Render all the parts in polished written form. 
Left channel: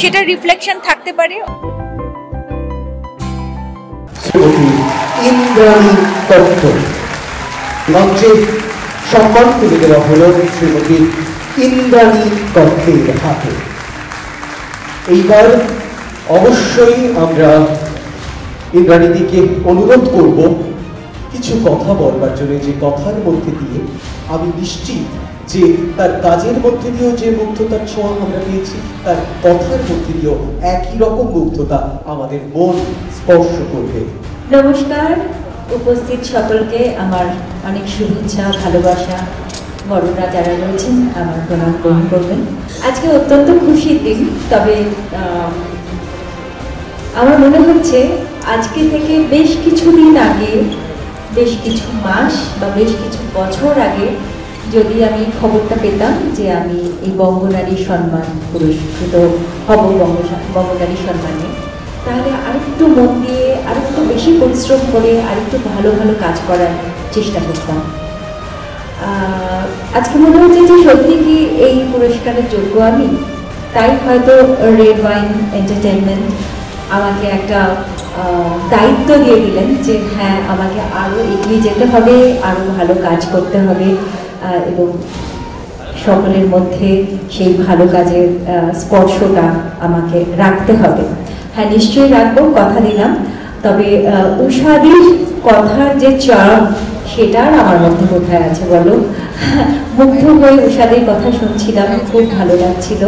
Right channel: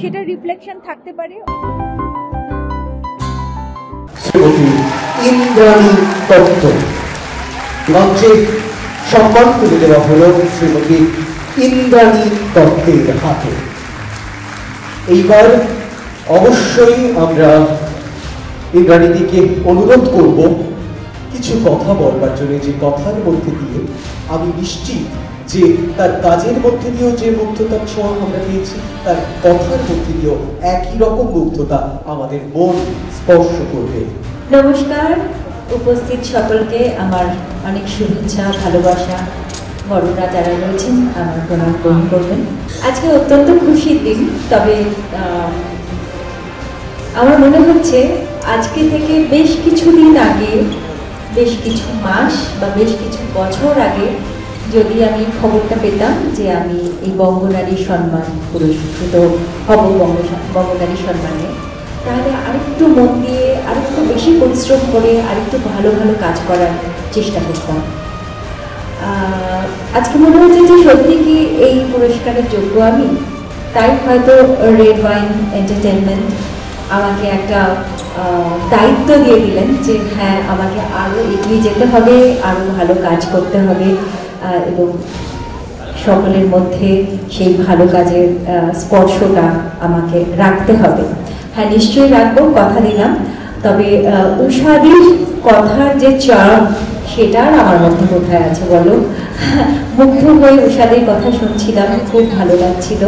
সেটা রিফ্লেকশন থাকতে পারে। শ্রীমতী ইন্দ্রাণী দত্ত মঞ্চে সম্মান তুলে দেওয়া হলো শ্রীমতী ইন্দ্রাণী দত্তের হাতে। এইবার অবশ্যই আমরা ইন্দ্রাণীদিকে অনুরোধ করব কিছু কথা বলবার জন্য, যে কথার মধ্যে দিয়ে আমি নিশ্চিত যে তার কাজের মধ্যে দিয়েও যে মুগ্ধতার ছোঁয়া আমরা পেয়েছি, তার কথার মধ্যে দিয়েও একই রকম মুগ্ধতা আমাদের মন স্পর্শ করবে। নমস্কার, উপস্থিত সকলকে আমার অনেক শুভেচ্ছা, ভালোবাসা। বড়রা যারা রয়েছেন আমার প্রণাম গ্রহণ করবেন। আজকে অত্যন্ত খুশির দিন, তবে আমার মনে হচ্ছে আজকে থেকে বেশ কিছুদিন আগে, বেশ কিছু মাস বা বেশ কিছু বছর আগে যদি আমি খবরটা পেতাম যে আমি এই বঙ্গনারী সম্মান পুরস্কৃত হব বঙ্গনারী সম্মানে, তাহলে আরেকটু মন দিয়ে, আরেকটু বেশি পরিশ্রম করে, আরেকটু ভালো ভালো কাজ করার চেষ্টা করতাম। আজকে মনে হচ্ছে যে সত্যি কি এই পুরস্কারের যোগ্য আমি, তাই হয়তো রেড ওয়াইন এন্টারটেইনমেন্ট আমাকে একটা দায়িত্ব দিয়ে দিলেন যে হ্যাঁ, আমাকে আরও এগিয়ে যেতে হবে, আরও ভালো কাজ করতে হবে এবং সকলের মধ্যে সেই ভালো কাজের স্পর্শটা আমাকে রাখতে হবে। হ্যাঁ, নিশ্চয়ই রাখবো, কথা দিলাম। তবে উষাদির কথার যে চার্ম, সেটার আমার মধ্যে কোথায় আছে বলো? মুগ্ধ হয়ে উষাদির কথা শুনছিলাম, খুব ভালো লাগছিল।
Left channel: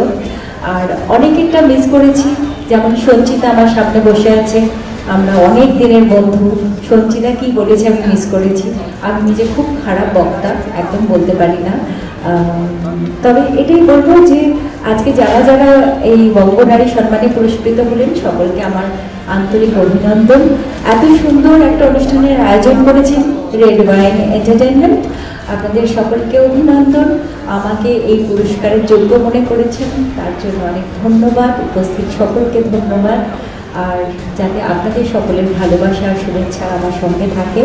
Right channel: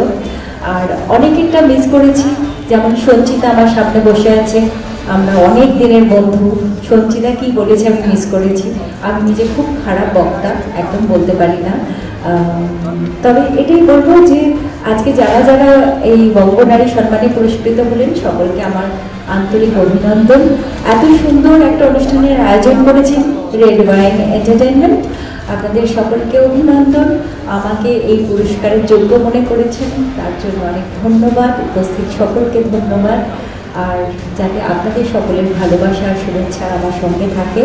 আর অনেকেরটা মিস করেছি, যেমন সঞ্চিতা আমার সামনে বসে আছে, আমরা অনেক দিনের বন্ধু। সঞ্চিতা কি বলেছে আমি মিস করেছি। আমি নিজে খুব খারাপ বক্তা, একদম বলতে পারি না। তবে এটাই বলবো যে আজকে যারা যারা এই বঙ্গনারী সম্মানে পুরস্কৃত হলেন, সকলকে আমার আন্তরিক অভিনন্দন। এত সুন্দর একটা অনুষ্ঠানের আয়োজন করেছেন রেড ওয়াইন এন্টারটেইনমেন্ট, আপনাদের সকলকে অভিনন্দন। আমাকে এই পুরস্কারের যোগ্য মনে করেছেন, তার জন্য অনেক ধন্যবাদ। উপস্থিত সকলকে ধন্যবাদ। আর যাতে আপনাদের সকলের ভালোবাসা আর শুভেচ্ছা আমার সঙ্গে থাকে,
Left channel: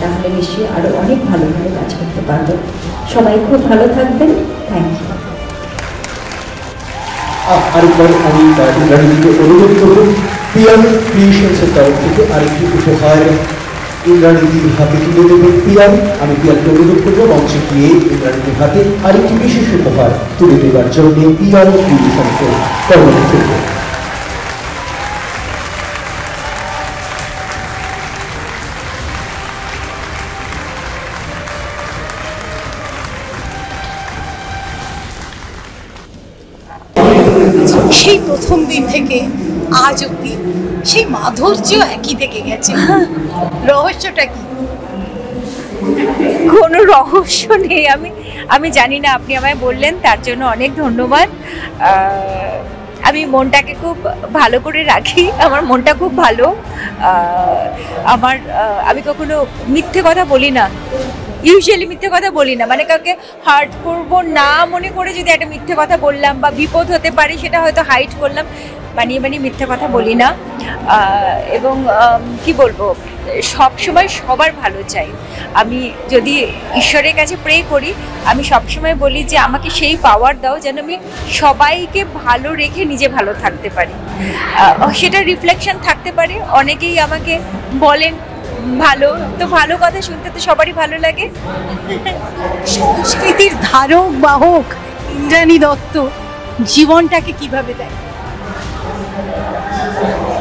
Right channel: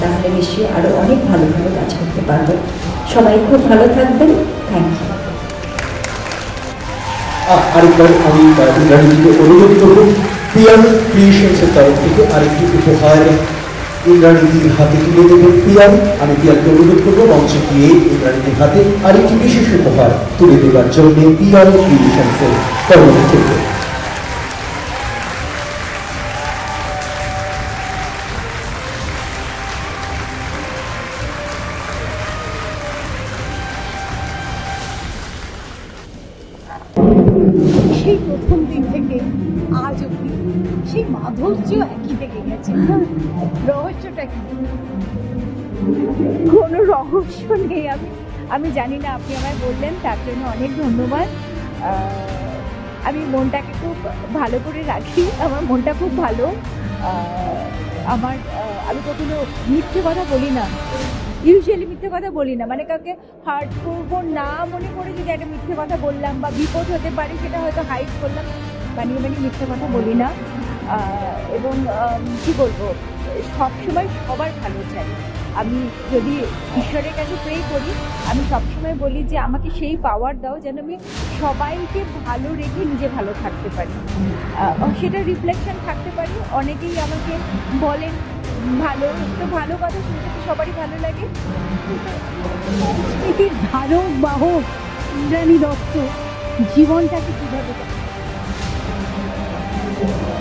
তাহলে নিশ্চয়ই আরও অনেক ভালো ভালো কাজ করতে পারবো। সবাই খুব ভালো থাকবেন। Thank you. আরেকবার আমি ইন্দ্রাণীদিকে অনুরোধ করব পিয়ার ক্রিয়েশনসের তরফ থেকে আরেকটি উপহার ইন্দ্রাণীদির হাতে তুলে দেবেন পিয়ার। আমি পিয়ারকে অনুরোধ করবো মঞ্চে গিয়ে ইন্দ্রাণীদির হাতে আরেকটি বিশেষ উপহার তুলে দেবার জন্য পিয়ার ক্রিয়েশনসের তরফ থেকে। সেই প্রথম দিন থেকে আজ অব্দি সেই মাধুর্য একই থেকে গেছে। রহস্যটা কি? কোনো রহস্য নেই। আমি জানি না, আপনি আমায় বললেন, তার জন্য অনেক ধন্যবাদ। আমি মনটাকে খুব ভালো করে রাখি, আমার মনটা খুব ভালো। আমি কখনো মিথ্যে কথা বলি না, ইউজুয়ালি মিথ্যে কথা বলি না, মানে কাউকে হার্ট করব না মনে করে যদি একটা মিথ্যে কথা বললাম বা বিপদ হতে পারে, সেটা হয়তো হাইড করলাম, বানিয়ে মিথ্যে কথা বলি না। এবং কি বলবো, সব সময় সবার ভালো চাই। আমি যদি ঈশ্বরের কাছে প্রে করি, আমি সবসময় বলি যে আমাকে সেই পাওয়ার দাও যেন আমি সবাইকে ভালো রেখে নিজে ভালো থাকতে পারি। সেটা রিফ্লেকশন থাকতে পারে। অনেকেই আমাকে বলেন ভালো, তো ভালো কথা শুনতে তো সবারই ভালো লাগে। সংস্কৃতির ধারক বাহক ইন্দ্রাণী দত্ত জীবনটাকে কিভাবে দেয়?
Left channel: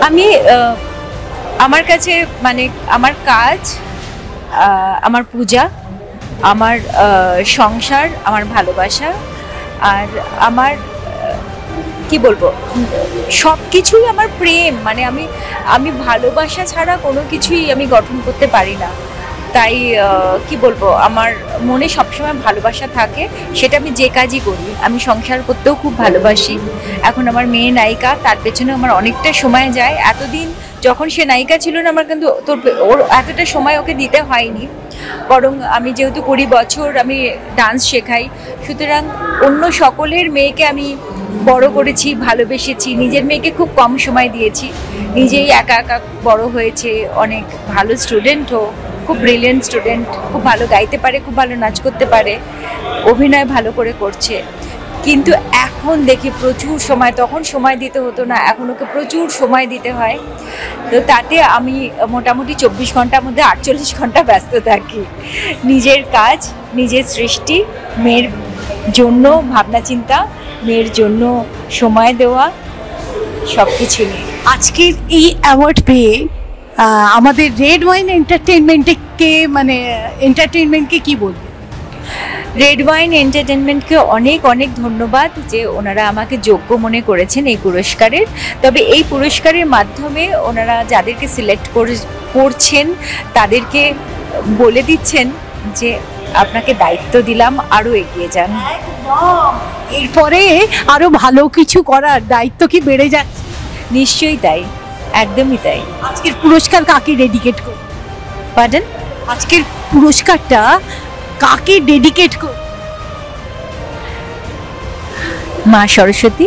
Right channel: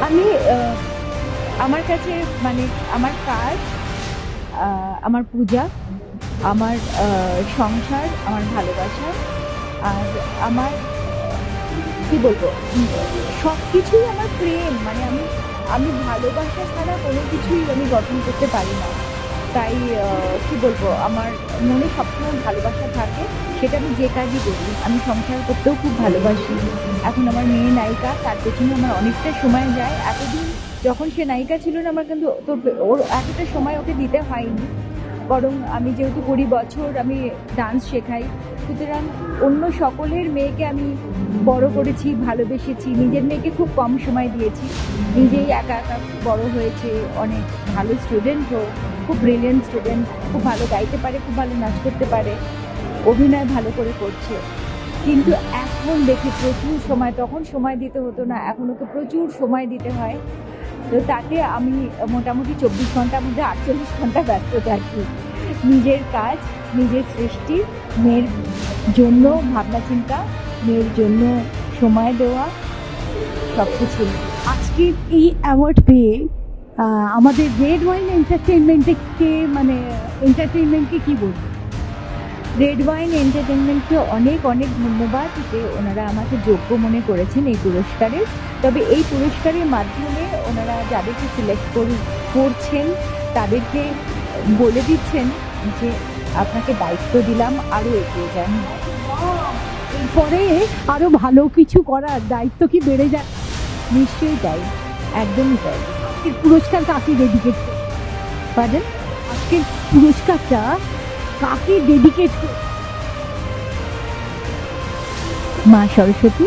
আমি আমার কাছে মানে আমার কাজ, আমার পূজা, আমার সংসার, আমার ভালোবাসা, আর আমার কি বলবো, সব কিছুই আমার প্রেম। মানে আমি ভালোবাসা ছাড়া কোনো কিছুই আমি গঠন করতে পারি না। তাই কি বলবো, আমার মনে সবসময় ভালোবাসা থাকে, সেটা আমি যে কাজই করি। আমি সংসার করতেও খুব ভালোবাসি। এখন আমার মেয়ে নায়িকা, তার পেছনে আমার অনেকটা সময় যায়। এতদিন যখন সে নায়িকা ছিল না, আমার কিন্তু ওর এতটা সময় ওকে দিতে হয়নি। বরং আমি যেহেতু 20 বছর আমি ডান্স শেখাই, সুতরাং অন্য সকলের মেয়েকে আমি বড় করেছি, ভালোবেসেছি। নিজের মেয়েকে খুব কম সময় দিয়েছি। নিজেই একা একা বড় হয়েছে। অনেক ভালো স্টুডেন্টও, খুব ব্রিলিয়েন্ট স্টুডেন্ট, খুব ভালো গাইতে পারে, খুব ভালো নাচ করতে পারে, অভিনয় ভালো করে করছে। কিন্তু এখন এখন দেখি প্রচুর সময়, তখন সময় দিতে হতো না, এখন ওকে প্রচুর সময় দিতে হয়। তো তাতে আমি মোটামুটি 24 ঘন্টার মধ্যে 48 ঘন্টা ব্যস্ত থাকি নিজের কাজ, নিজের সৃষ্টি, মেয়ের জন্য ভাবনা চিন্তা, মেয়ের জন্য সময় দেওয়া, সব কিছু নিয়ে। আজকের এই অ্যাওয়ার্ড পেয়ে আমাদের রেড ওয়াইন এন্টারটেইনমেন্টকে মানে এন্টারটেইনমেন্টকে কি বলবে? রেড ওয়াইন এন্টারটেনমেন্টকে অনেক অনেক ধন্যবাদ যে ওনারা আমাকে যোগ্য মনে করেছেন এই পুরস্কারের। তবে এই পুরস্কারের মাধ্যমে ওনারা যাদেরকে সিলেক্ট করছেন তাদেরকে বলে দিচ্ছেন যে আপনাকে দায়িত্ব দিলাম, আরও এগিয়ে যান। এরপরে আরো ভালো কিছু করার দায়িত্ব কি বেড়ে যায়? নিশ্চয়ই তাই, একদমই তাই। আজকের পুরস্কার কাকে ডেডিকেট করবে? পার্ডন? আজকের পুরস্কারটা কাকে ডেডিকেট করবে? মা সরস্বতী।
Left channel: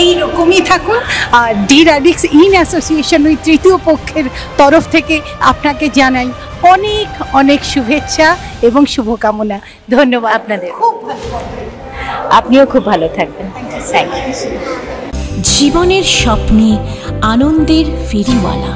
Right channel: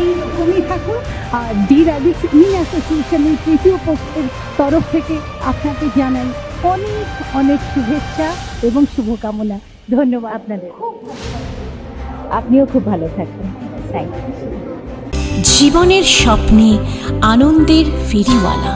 এই রকমই থাকুন। আর ডি র্যাডিক্স ইন অ্যাসোসিয়েশন ওই তৃতীয় পক্ষের তরফ থেকে আপনাকে জানাই অনেক অনেক শুভেচ্ছা এবং শুভকামনা। ধন্যবাদ আপনাদের। আপনিও খুব ভালো থাকবেন। Thank you. জীবনের স্বপ্নে আনন্দের ফেরিওয়ালা।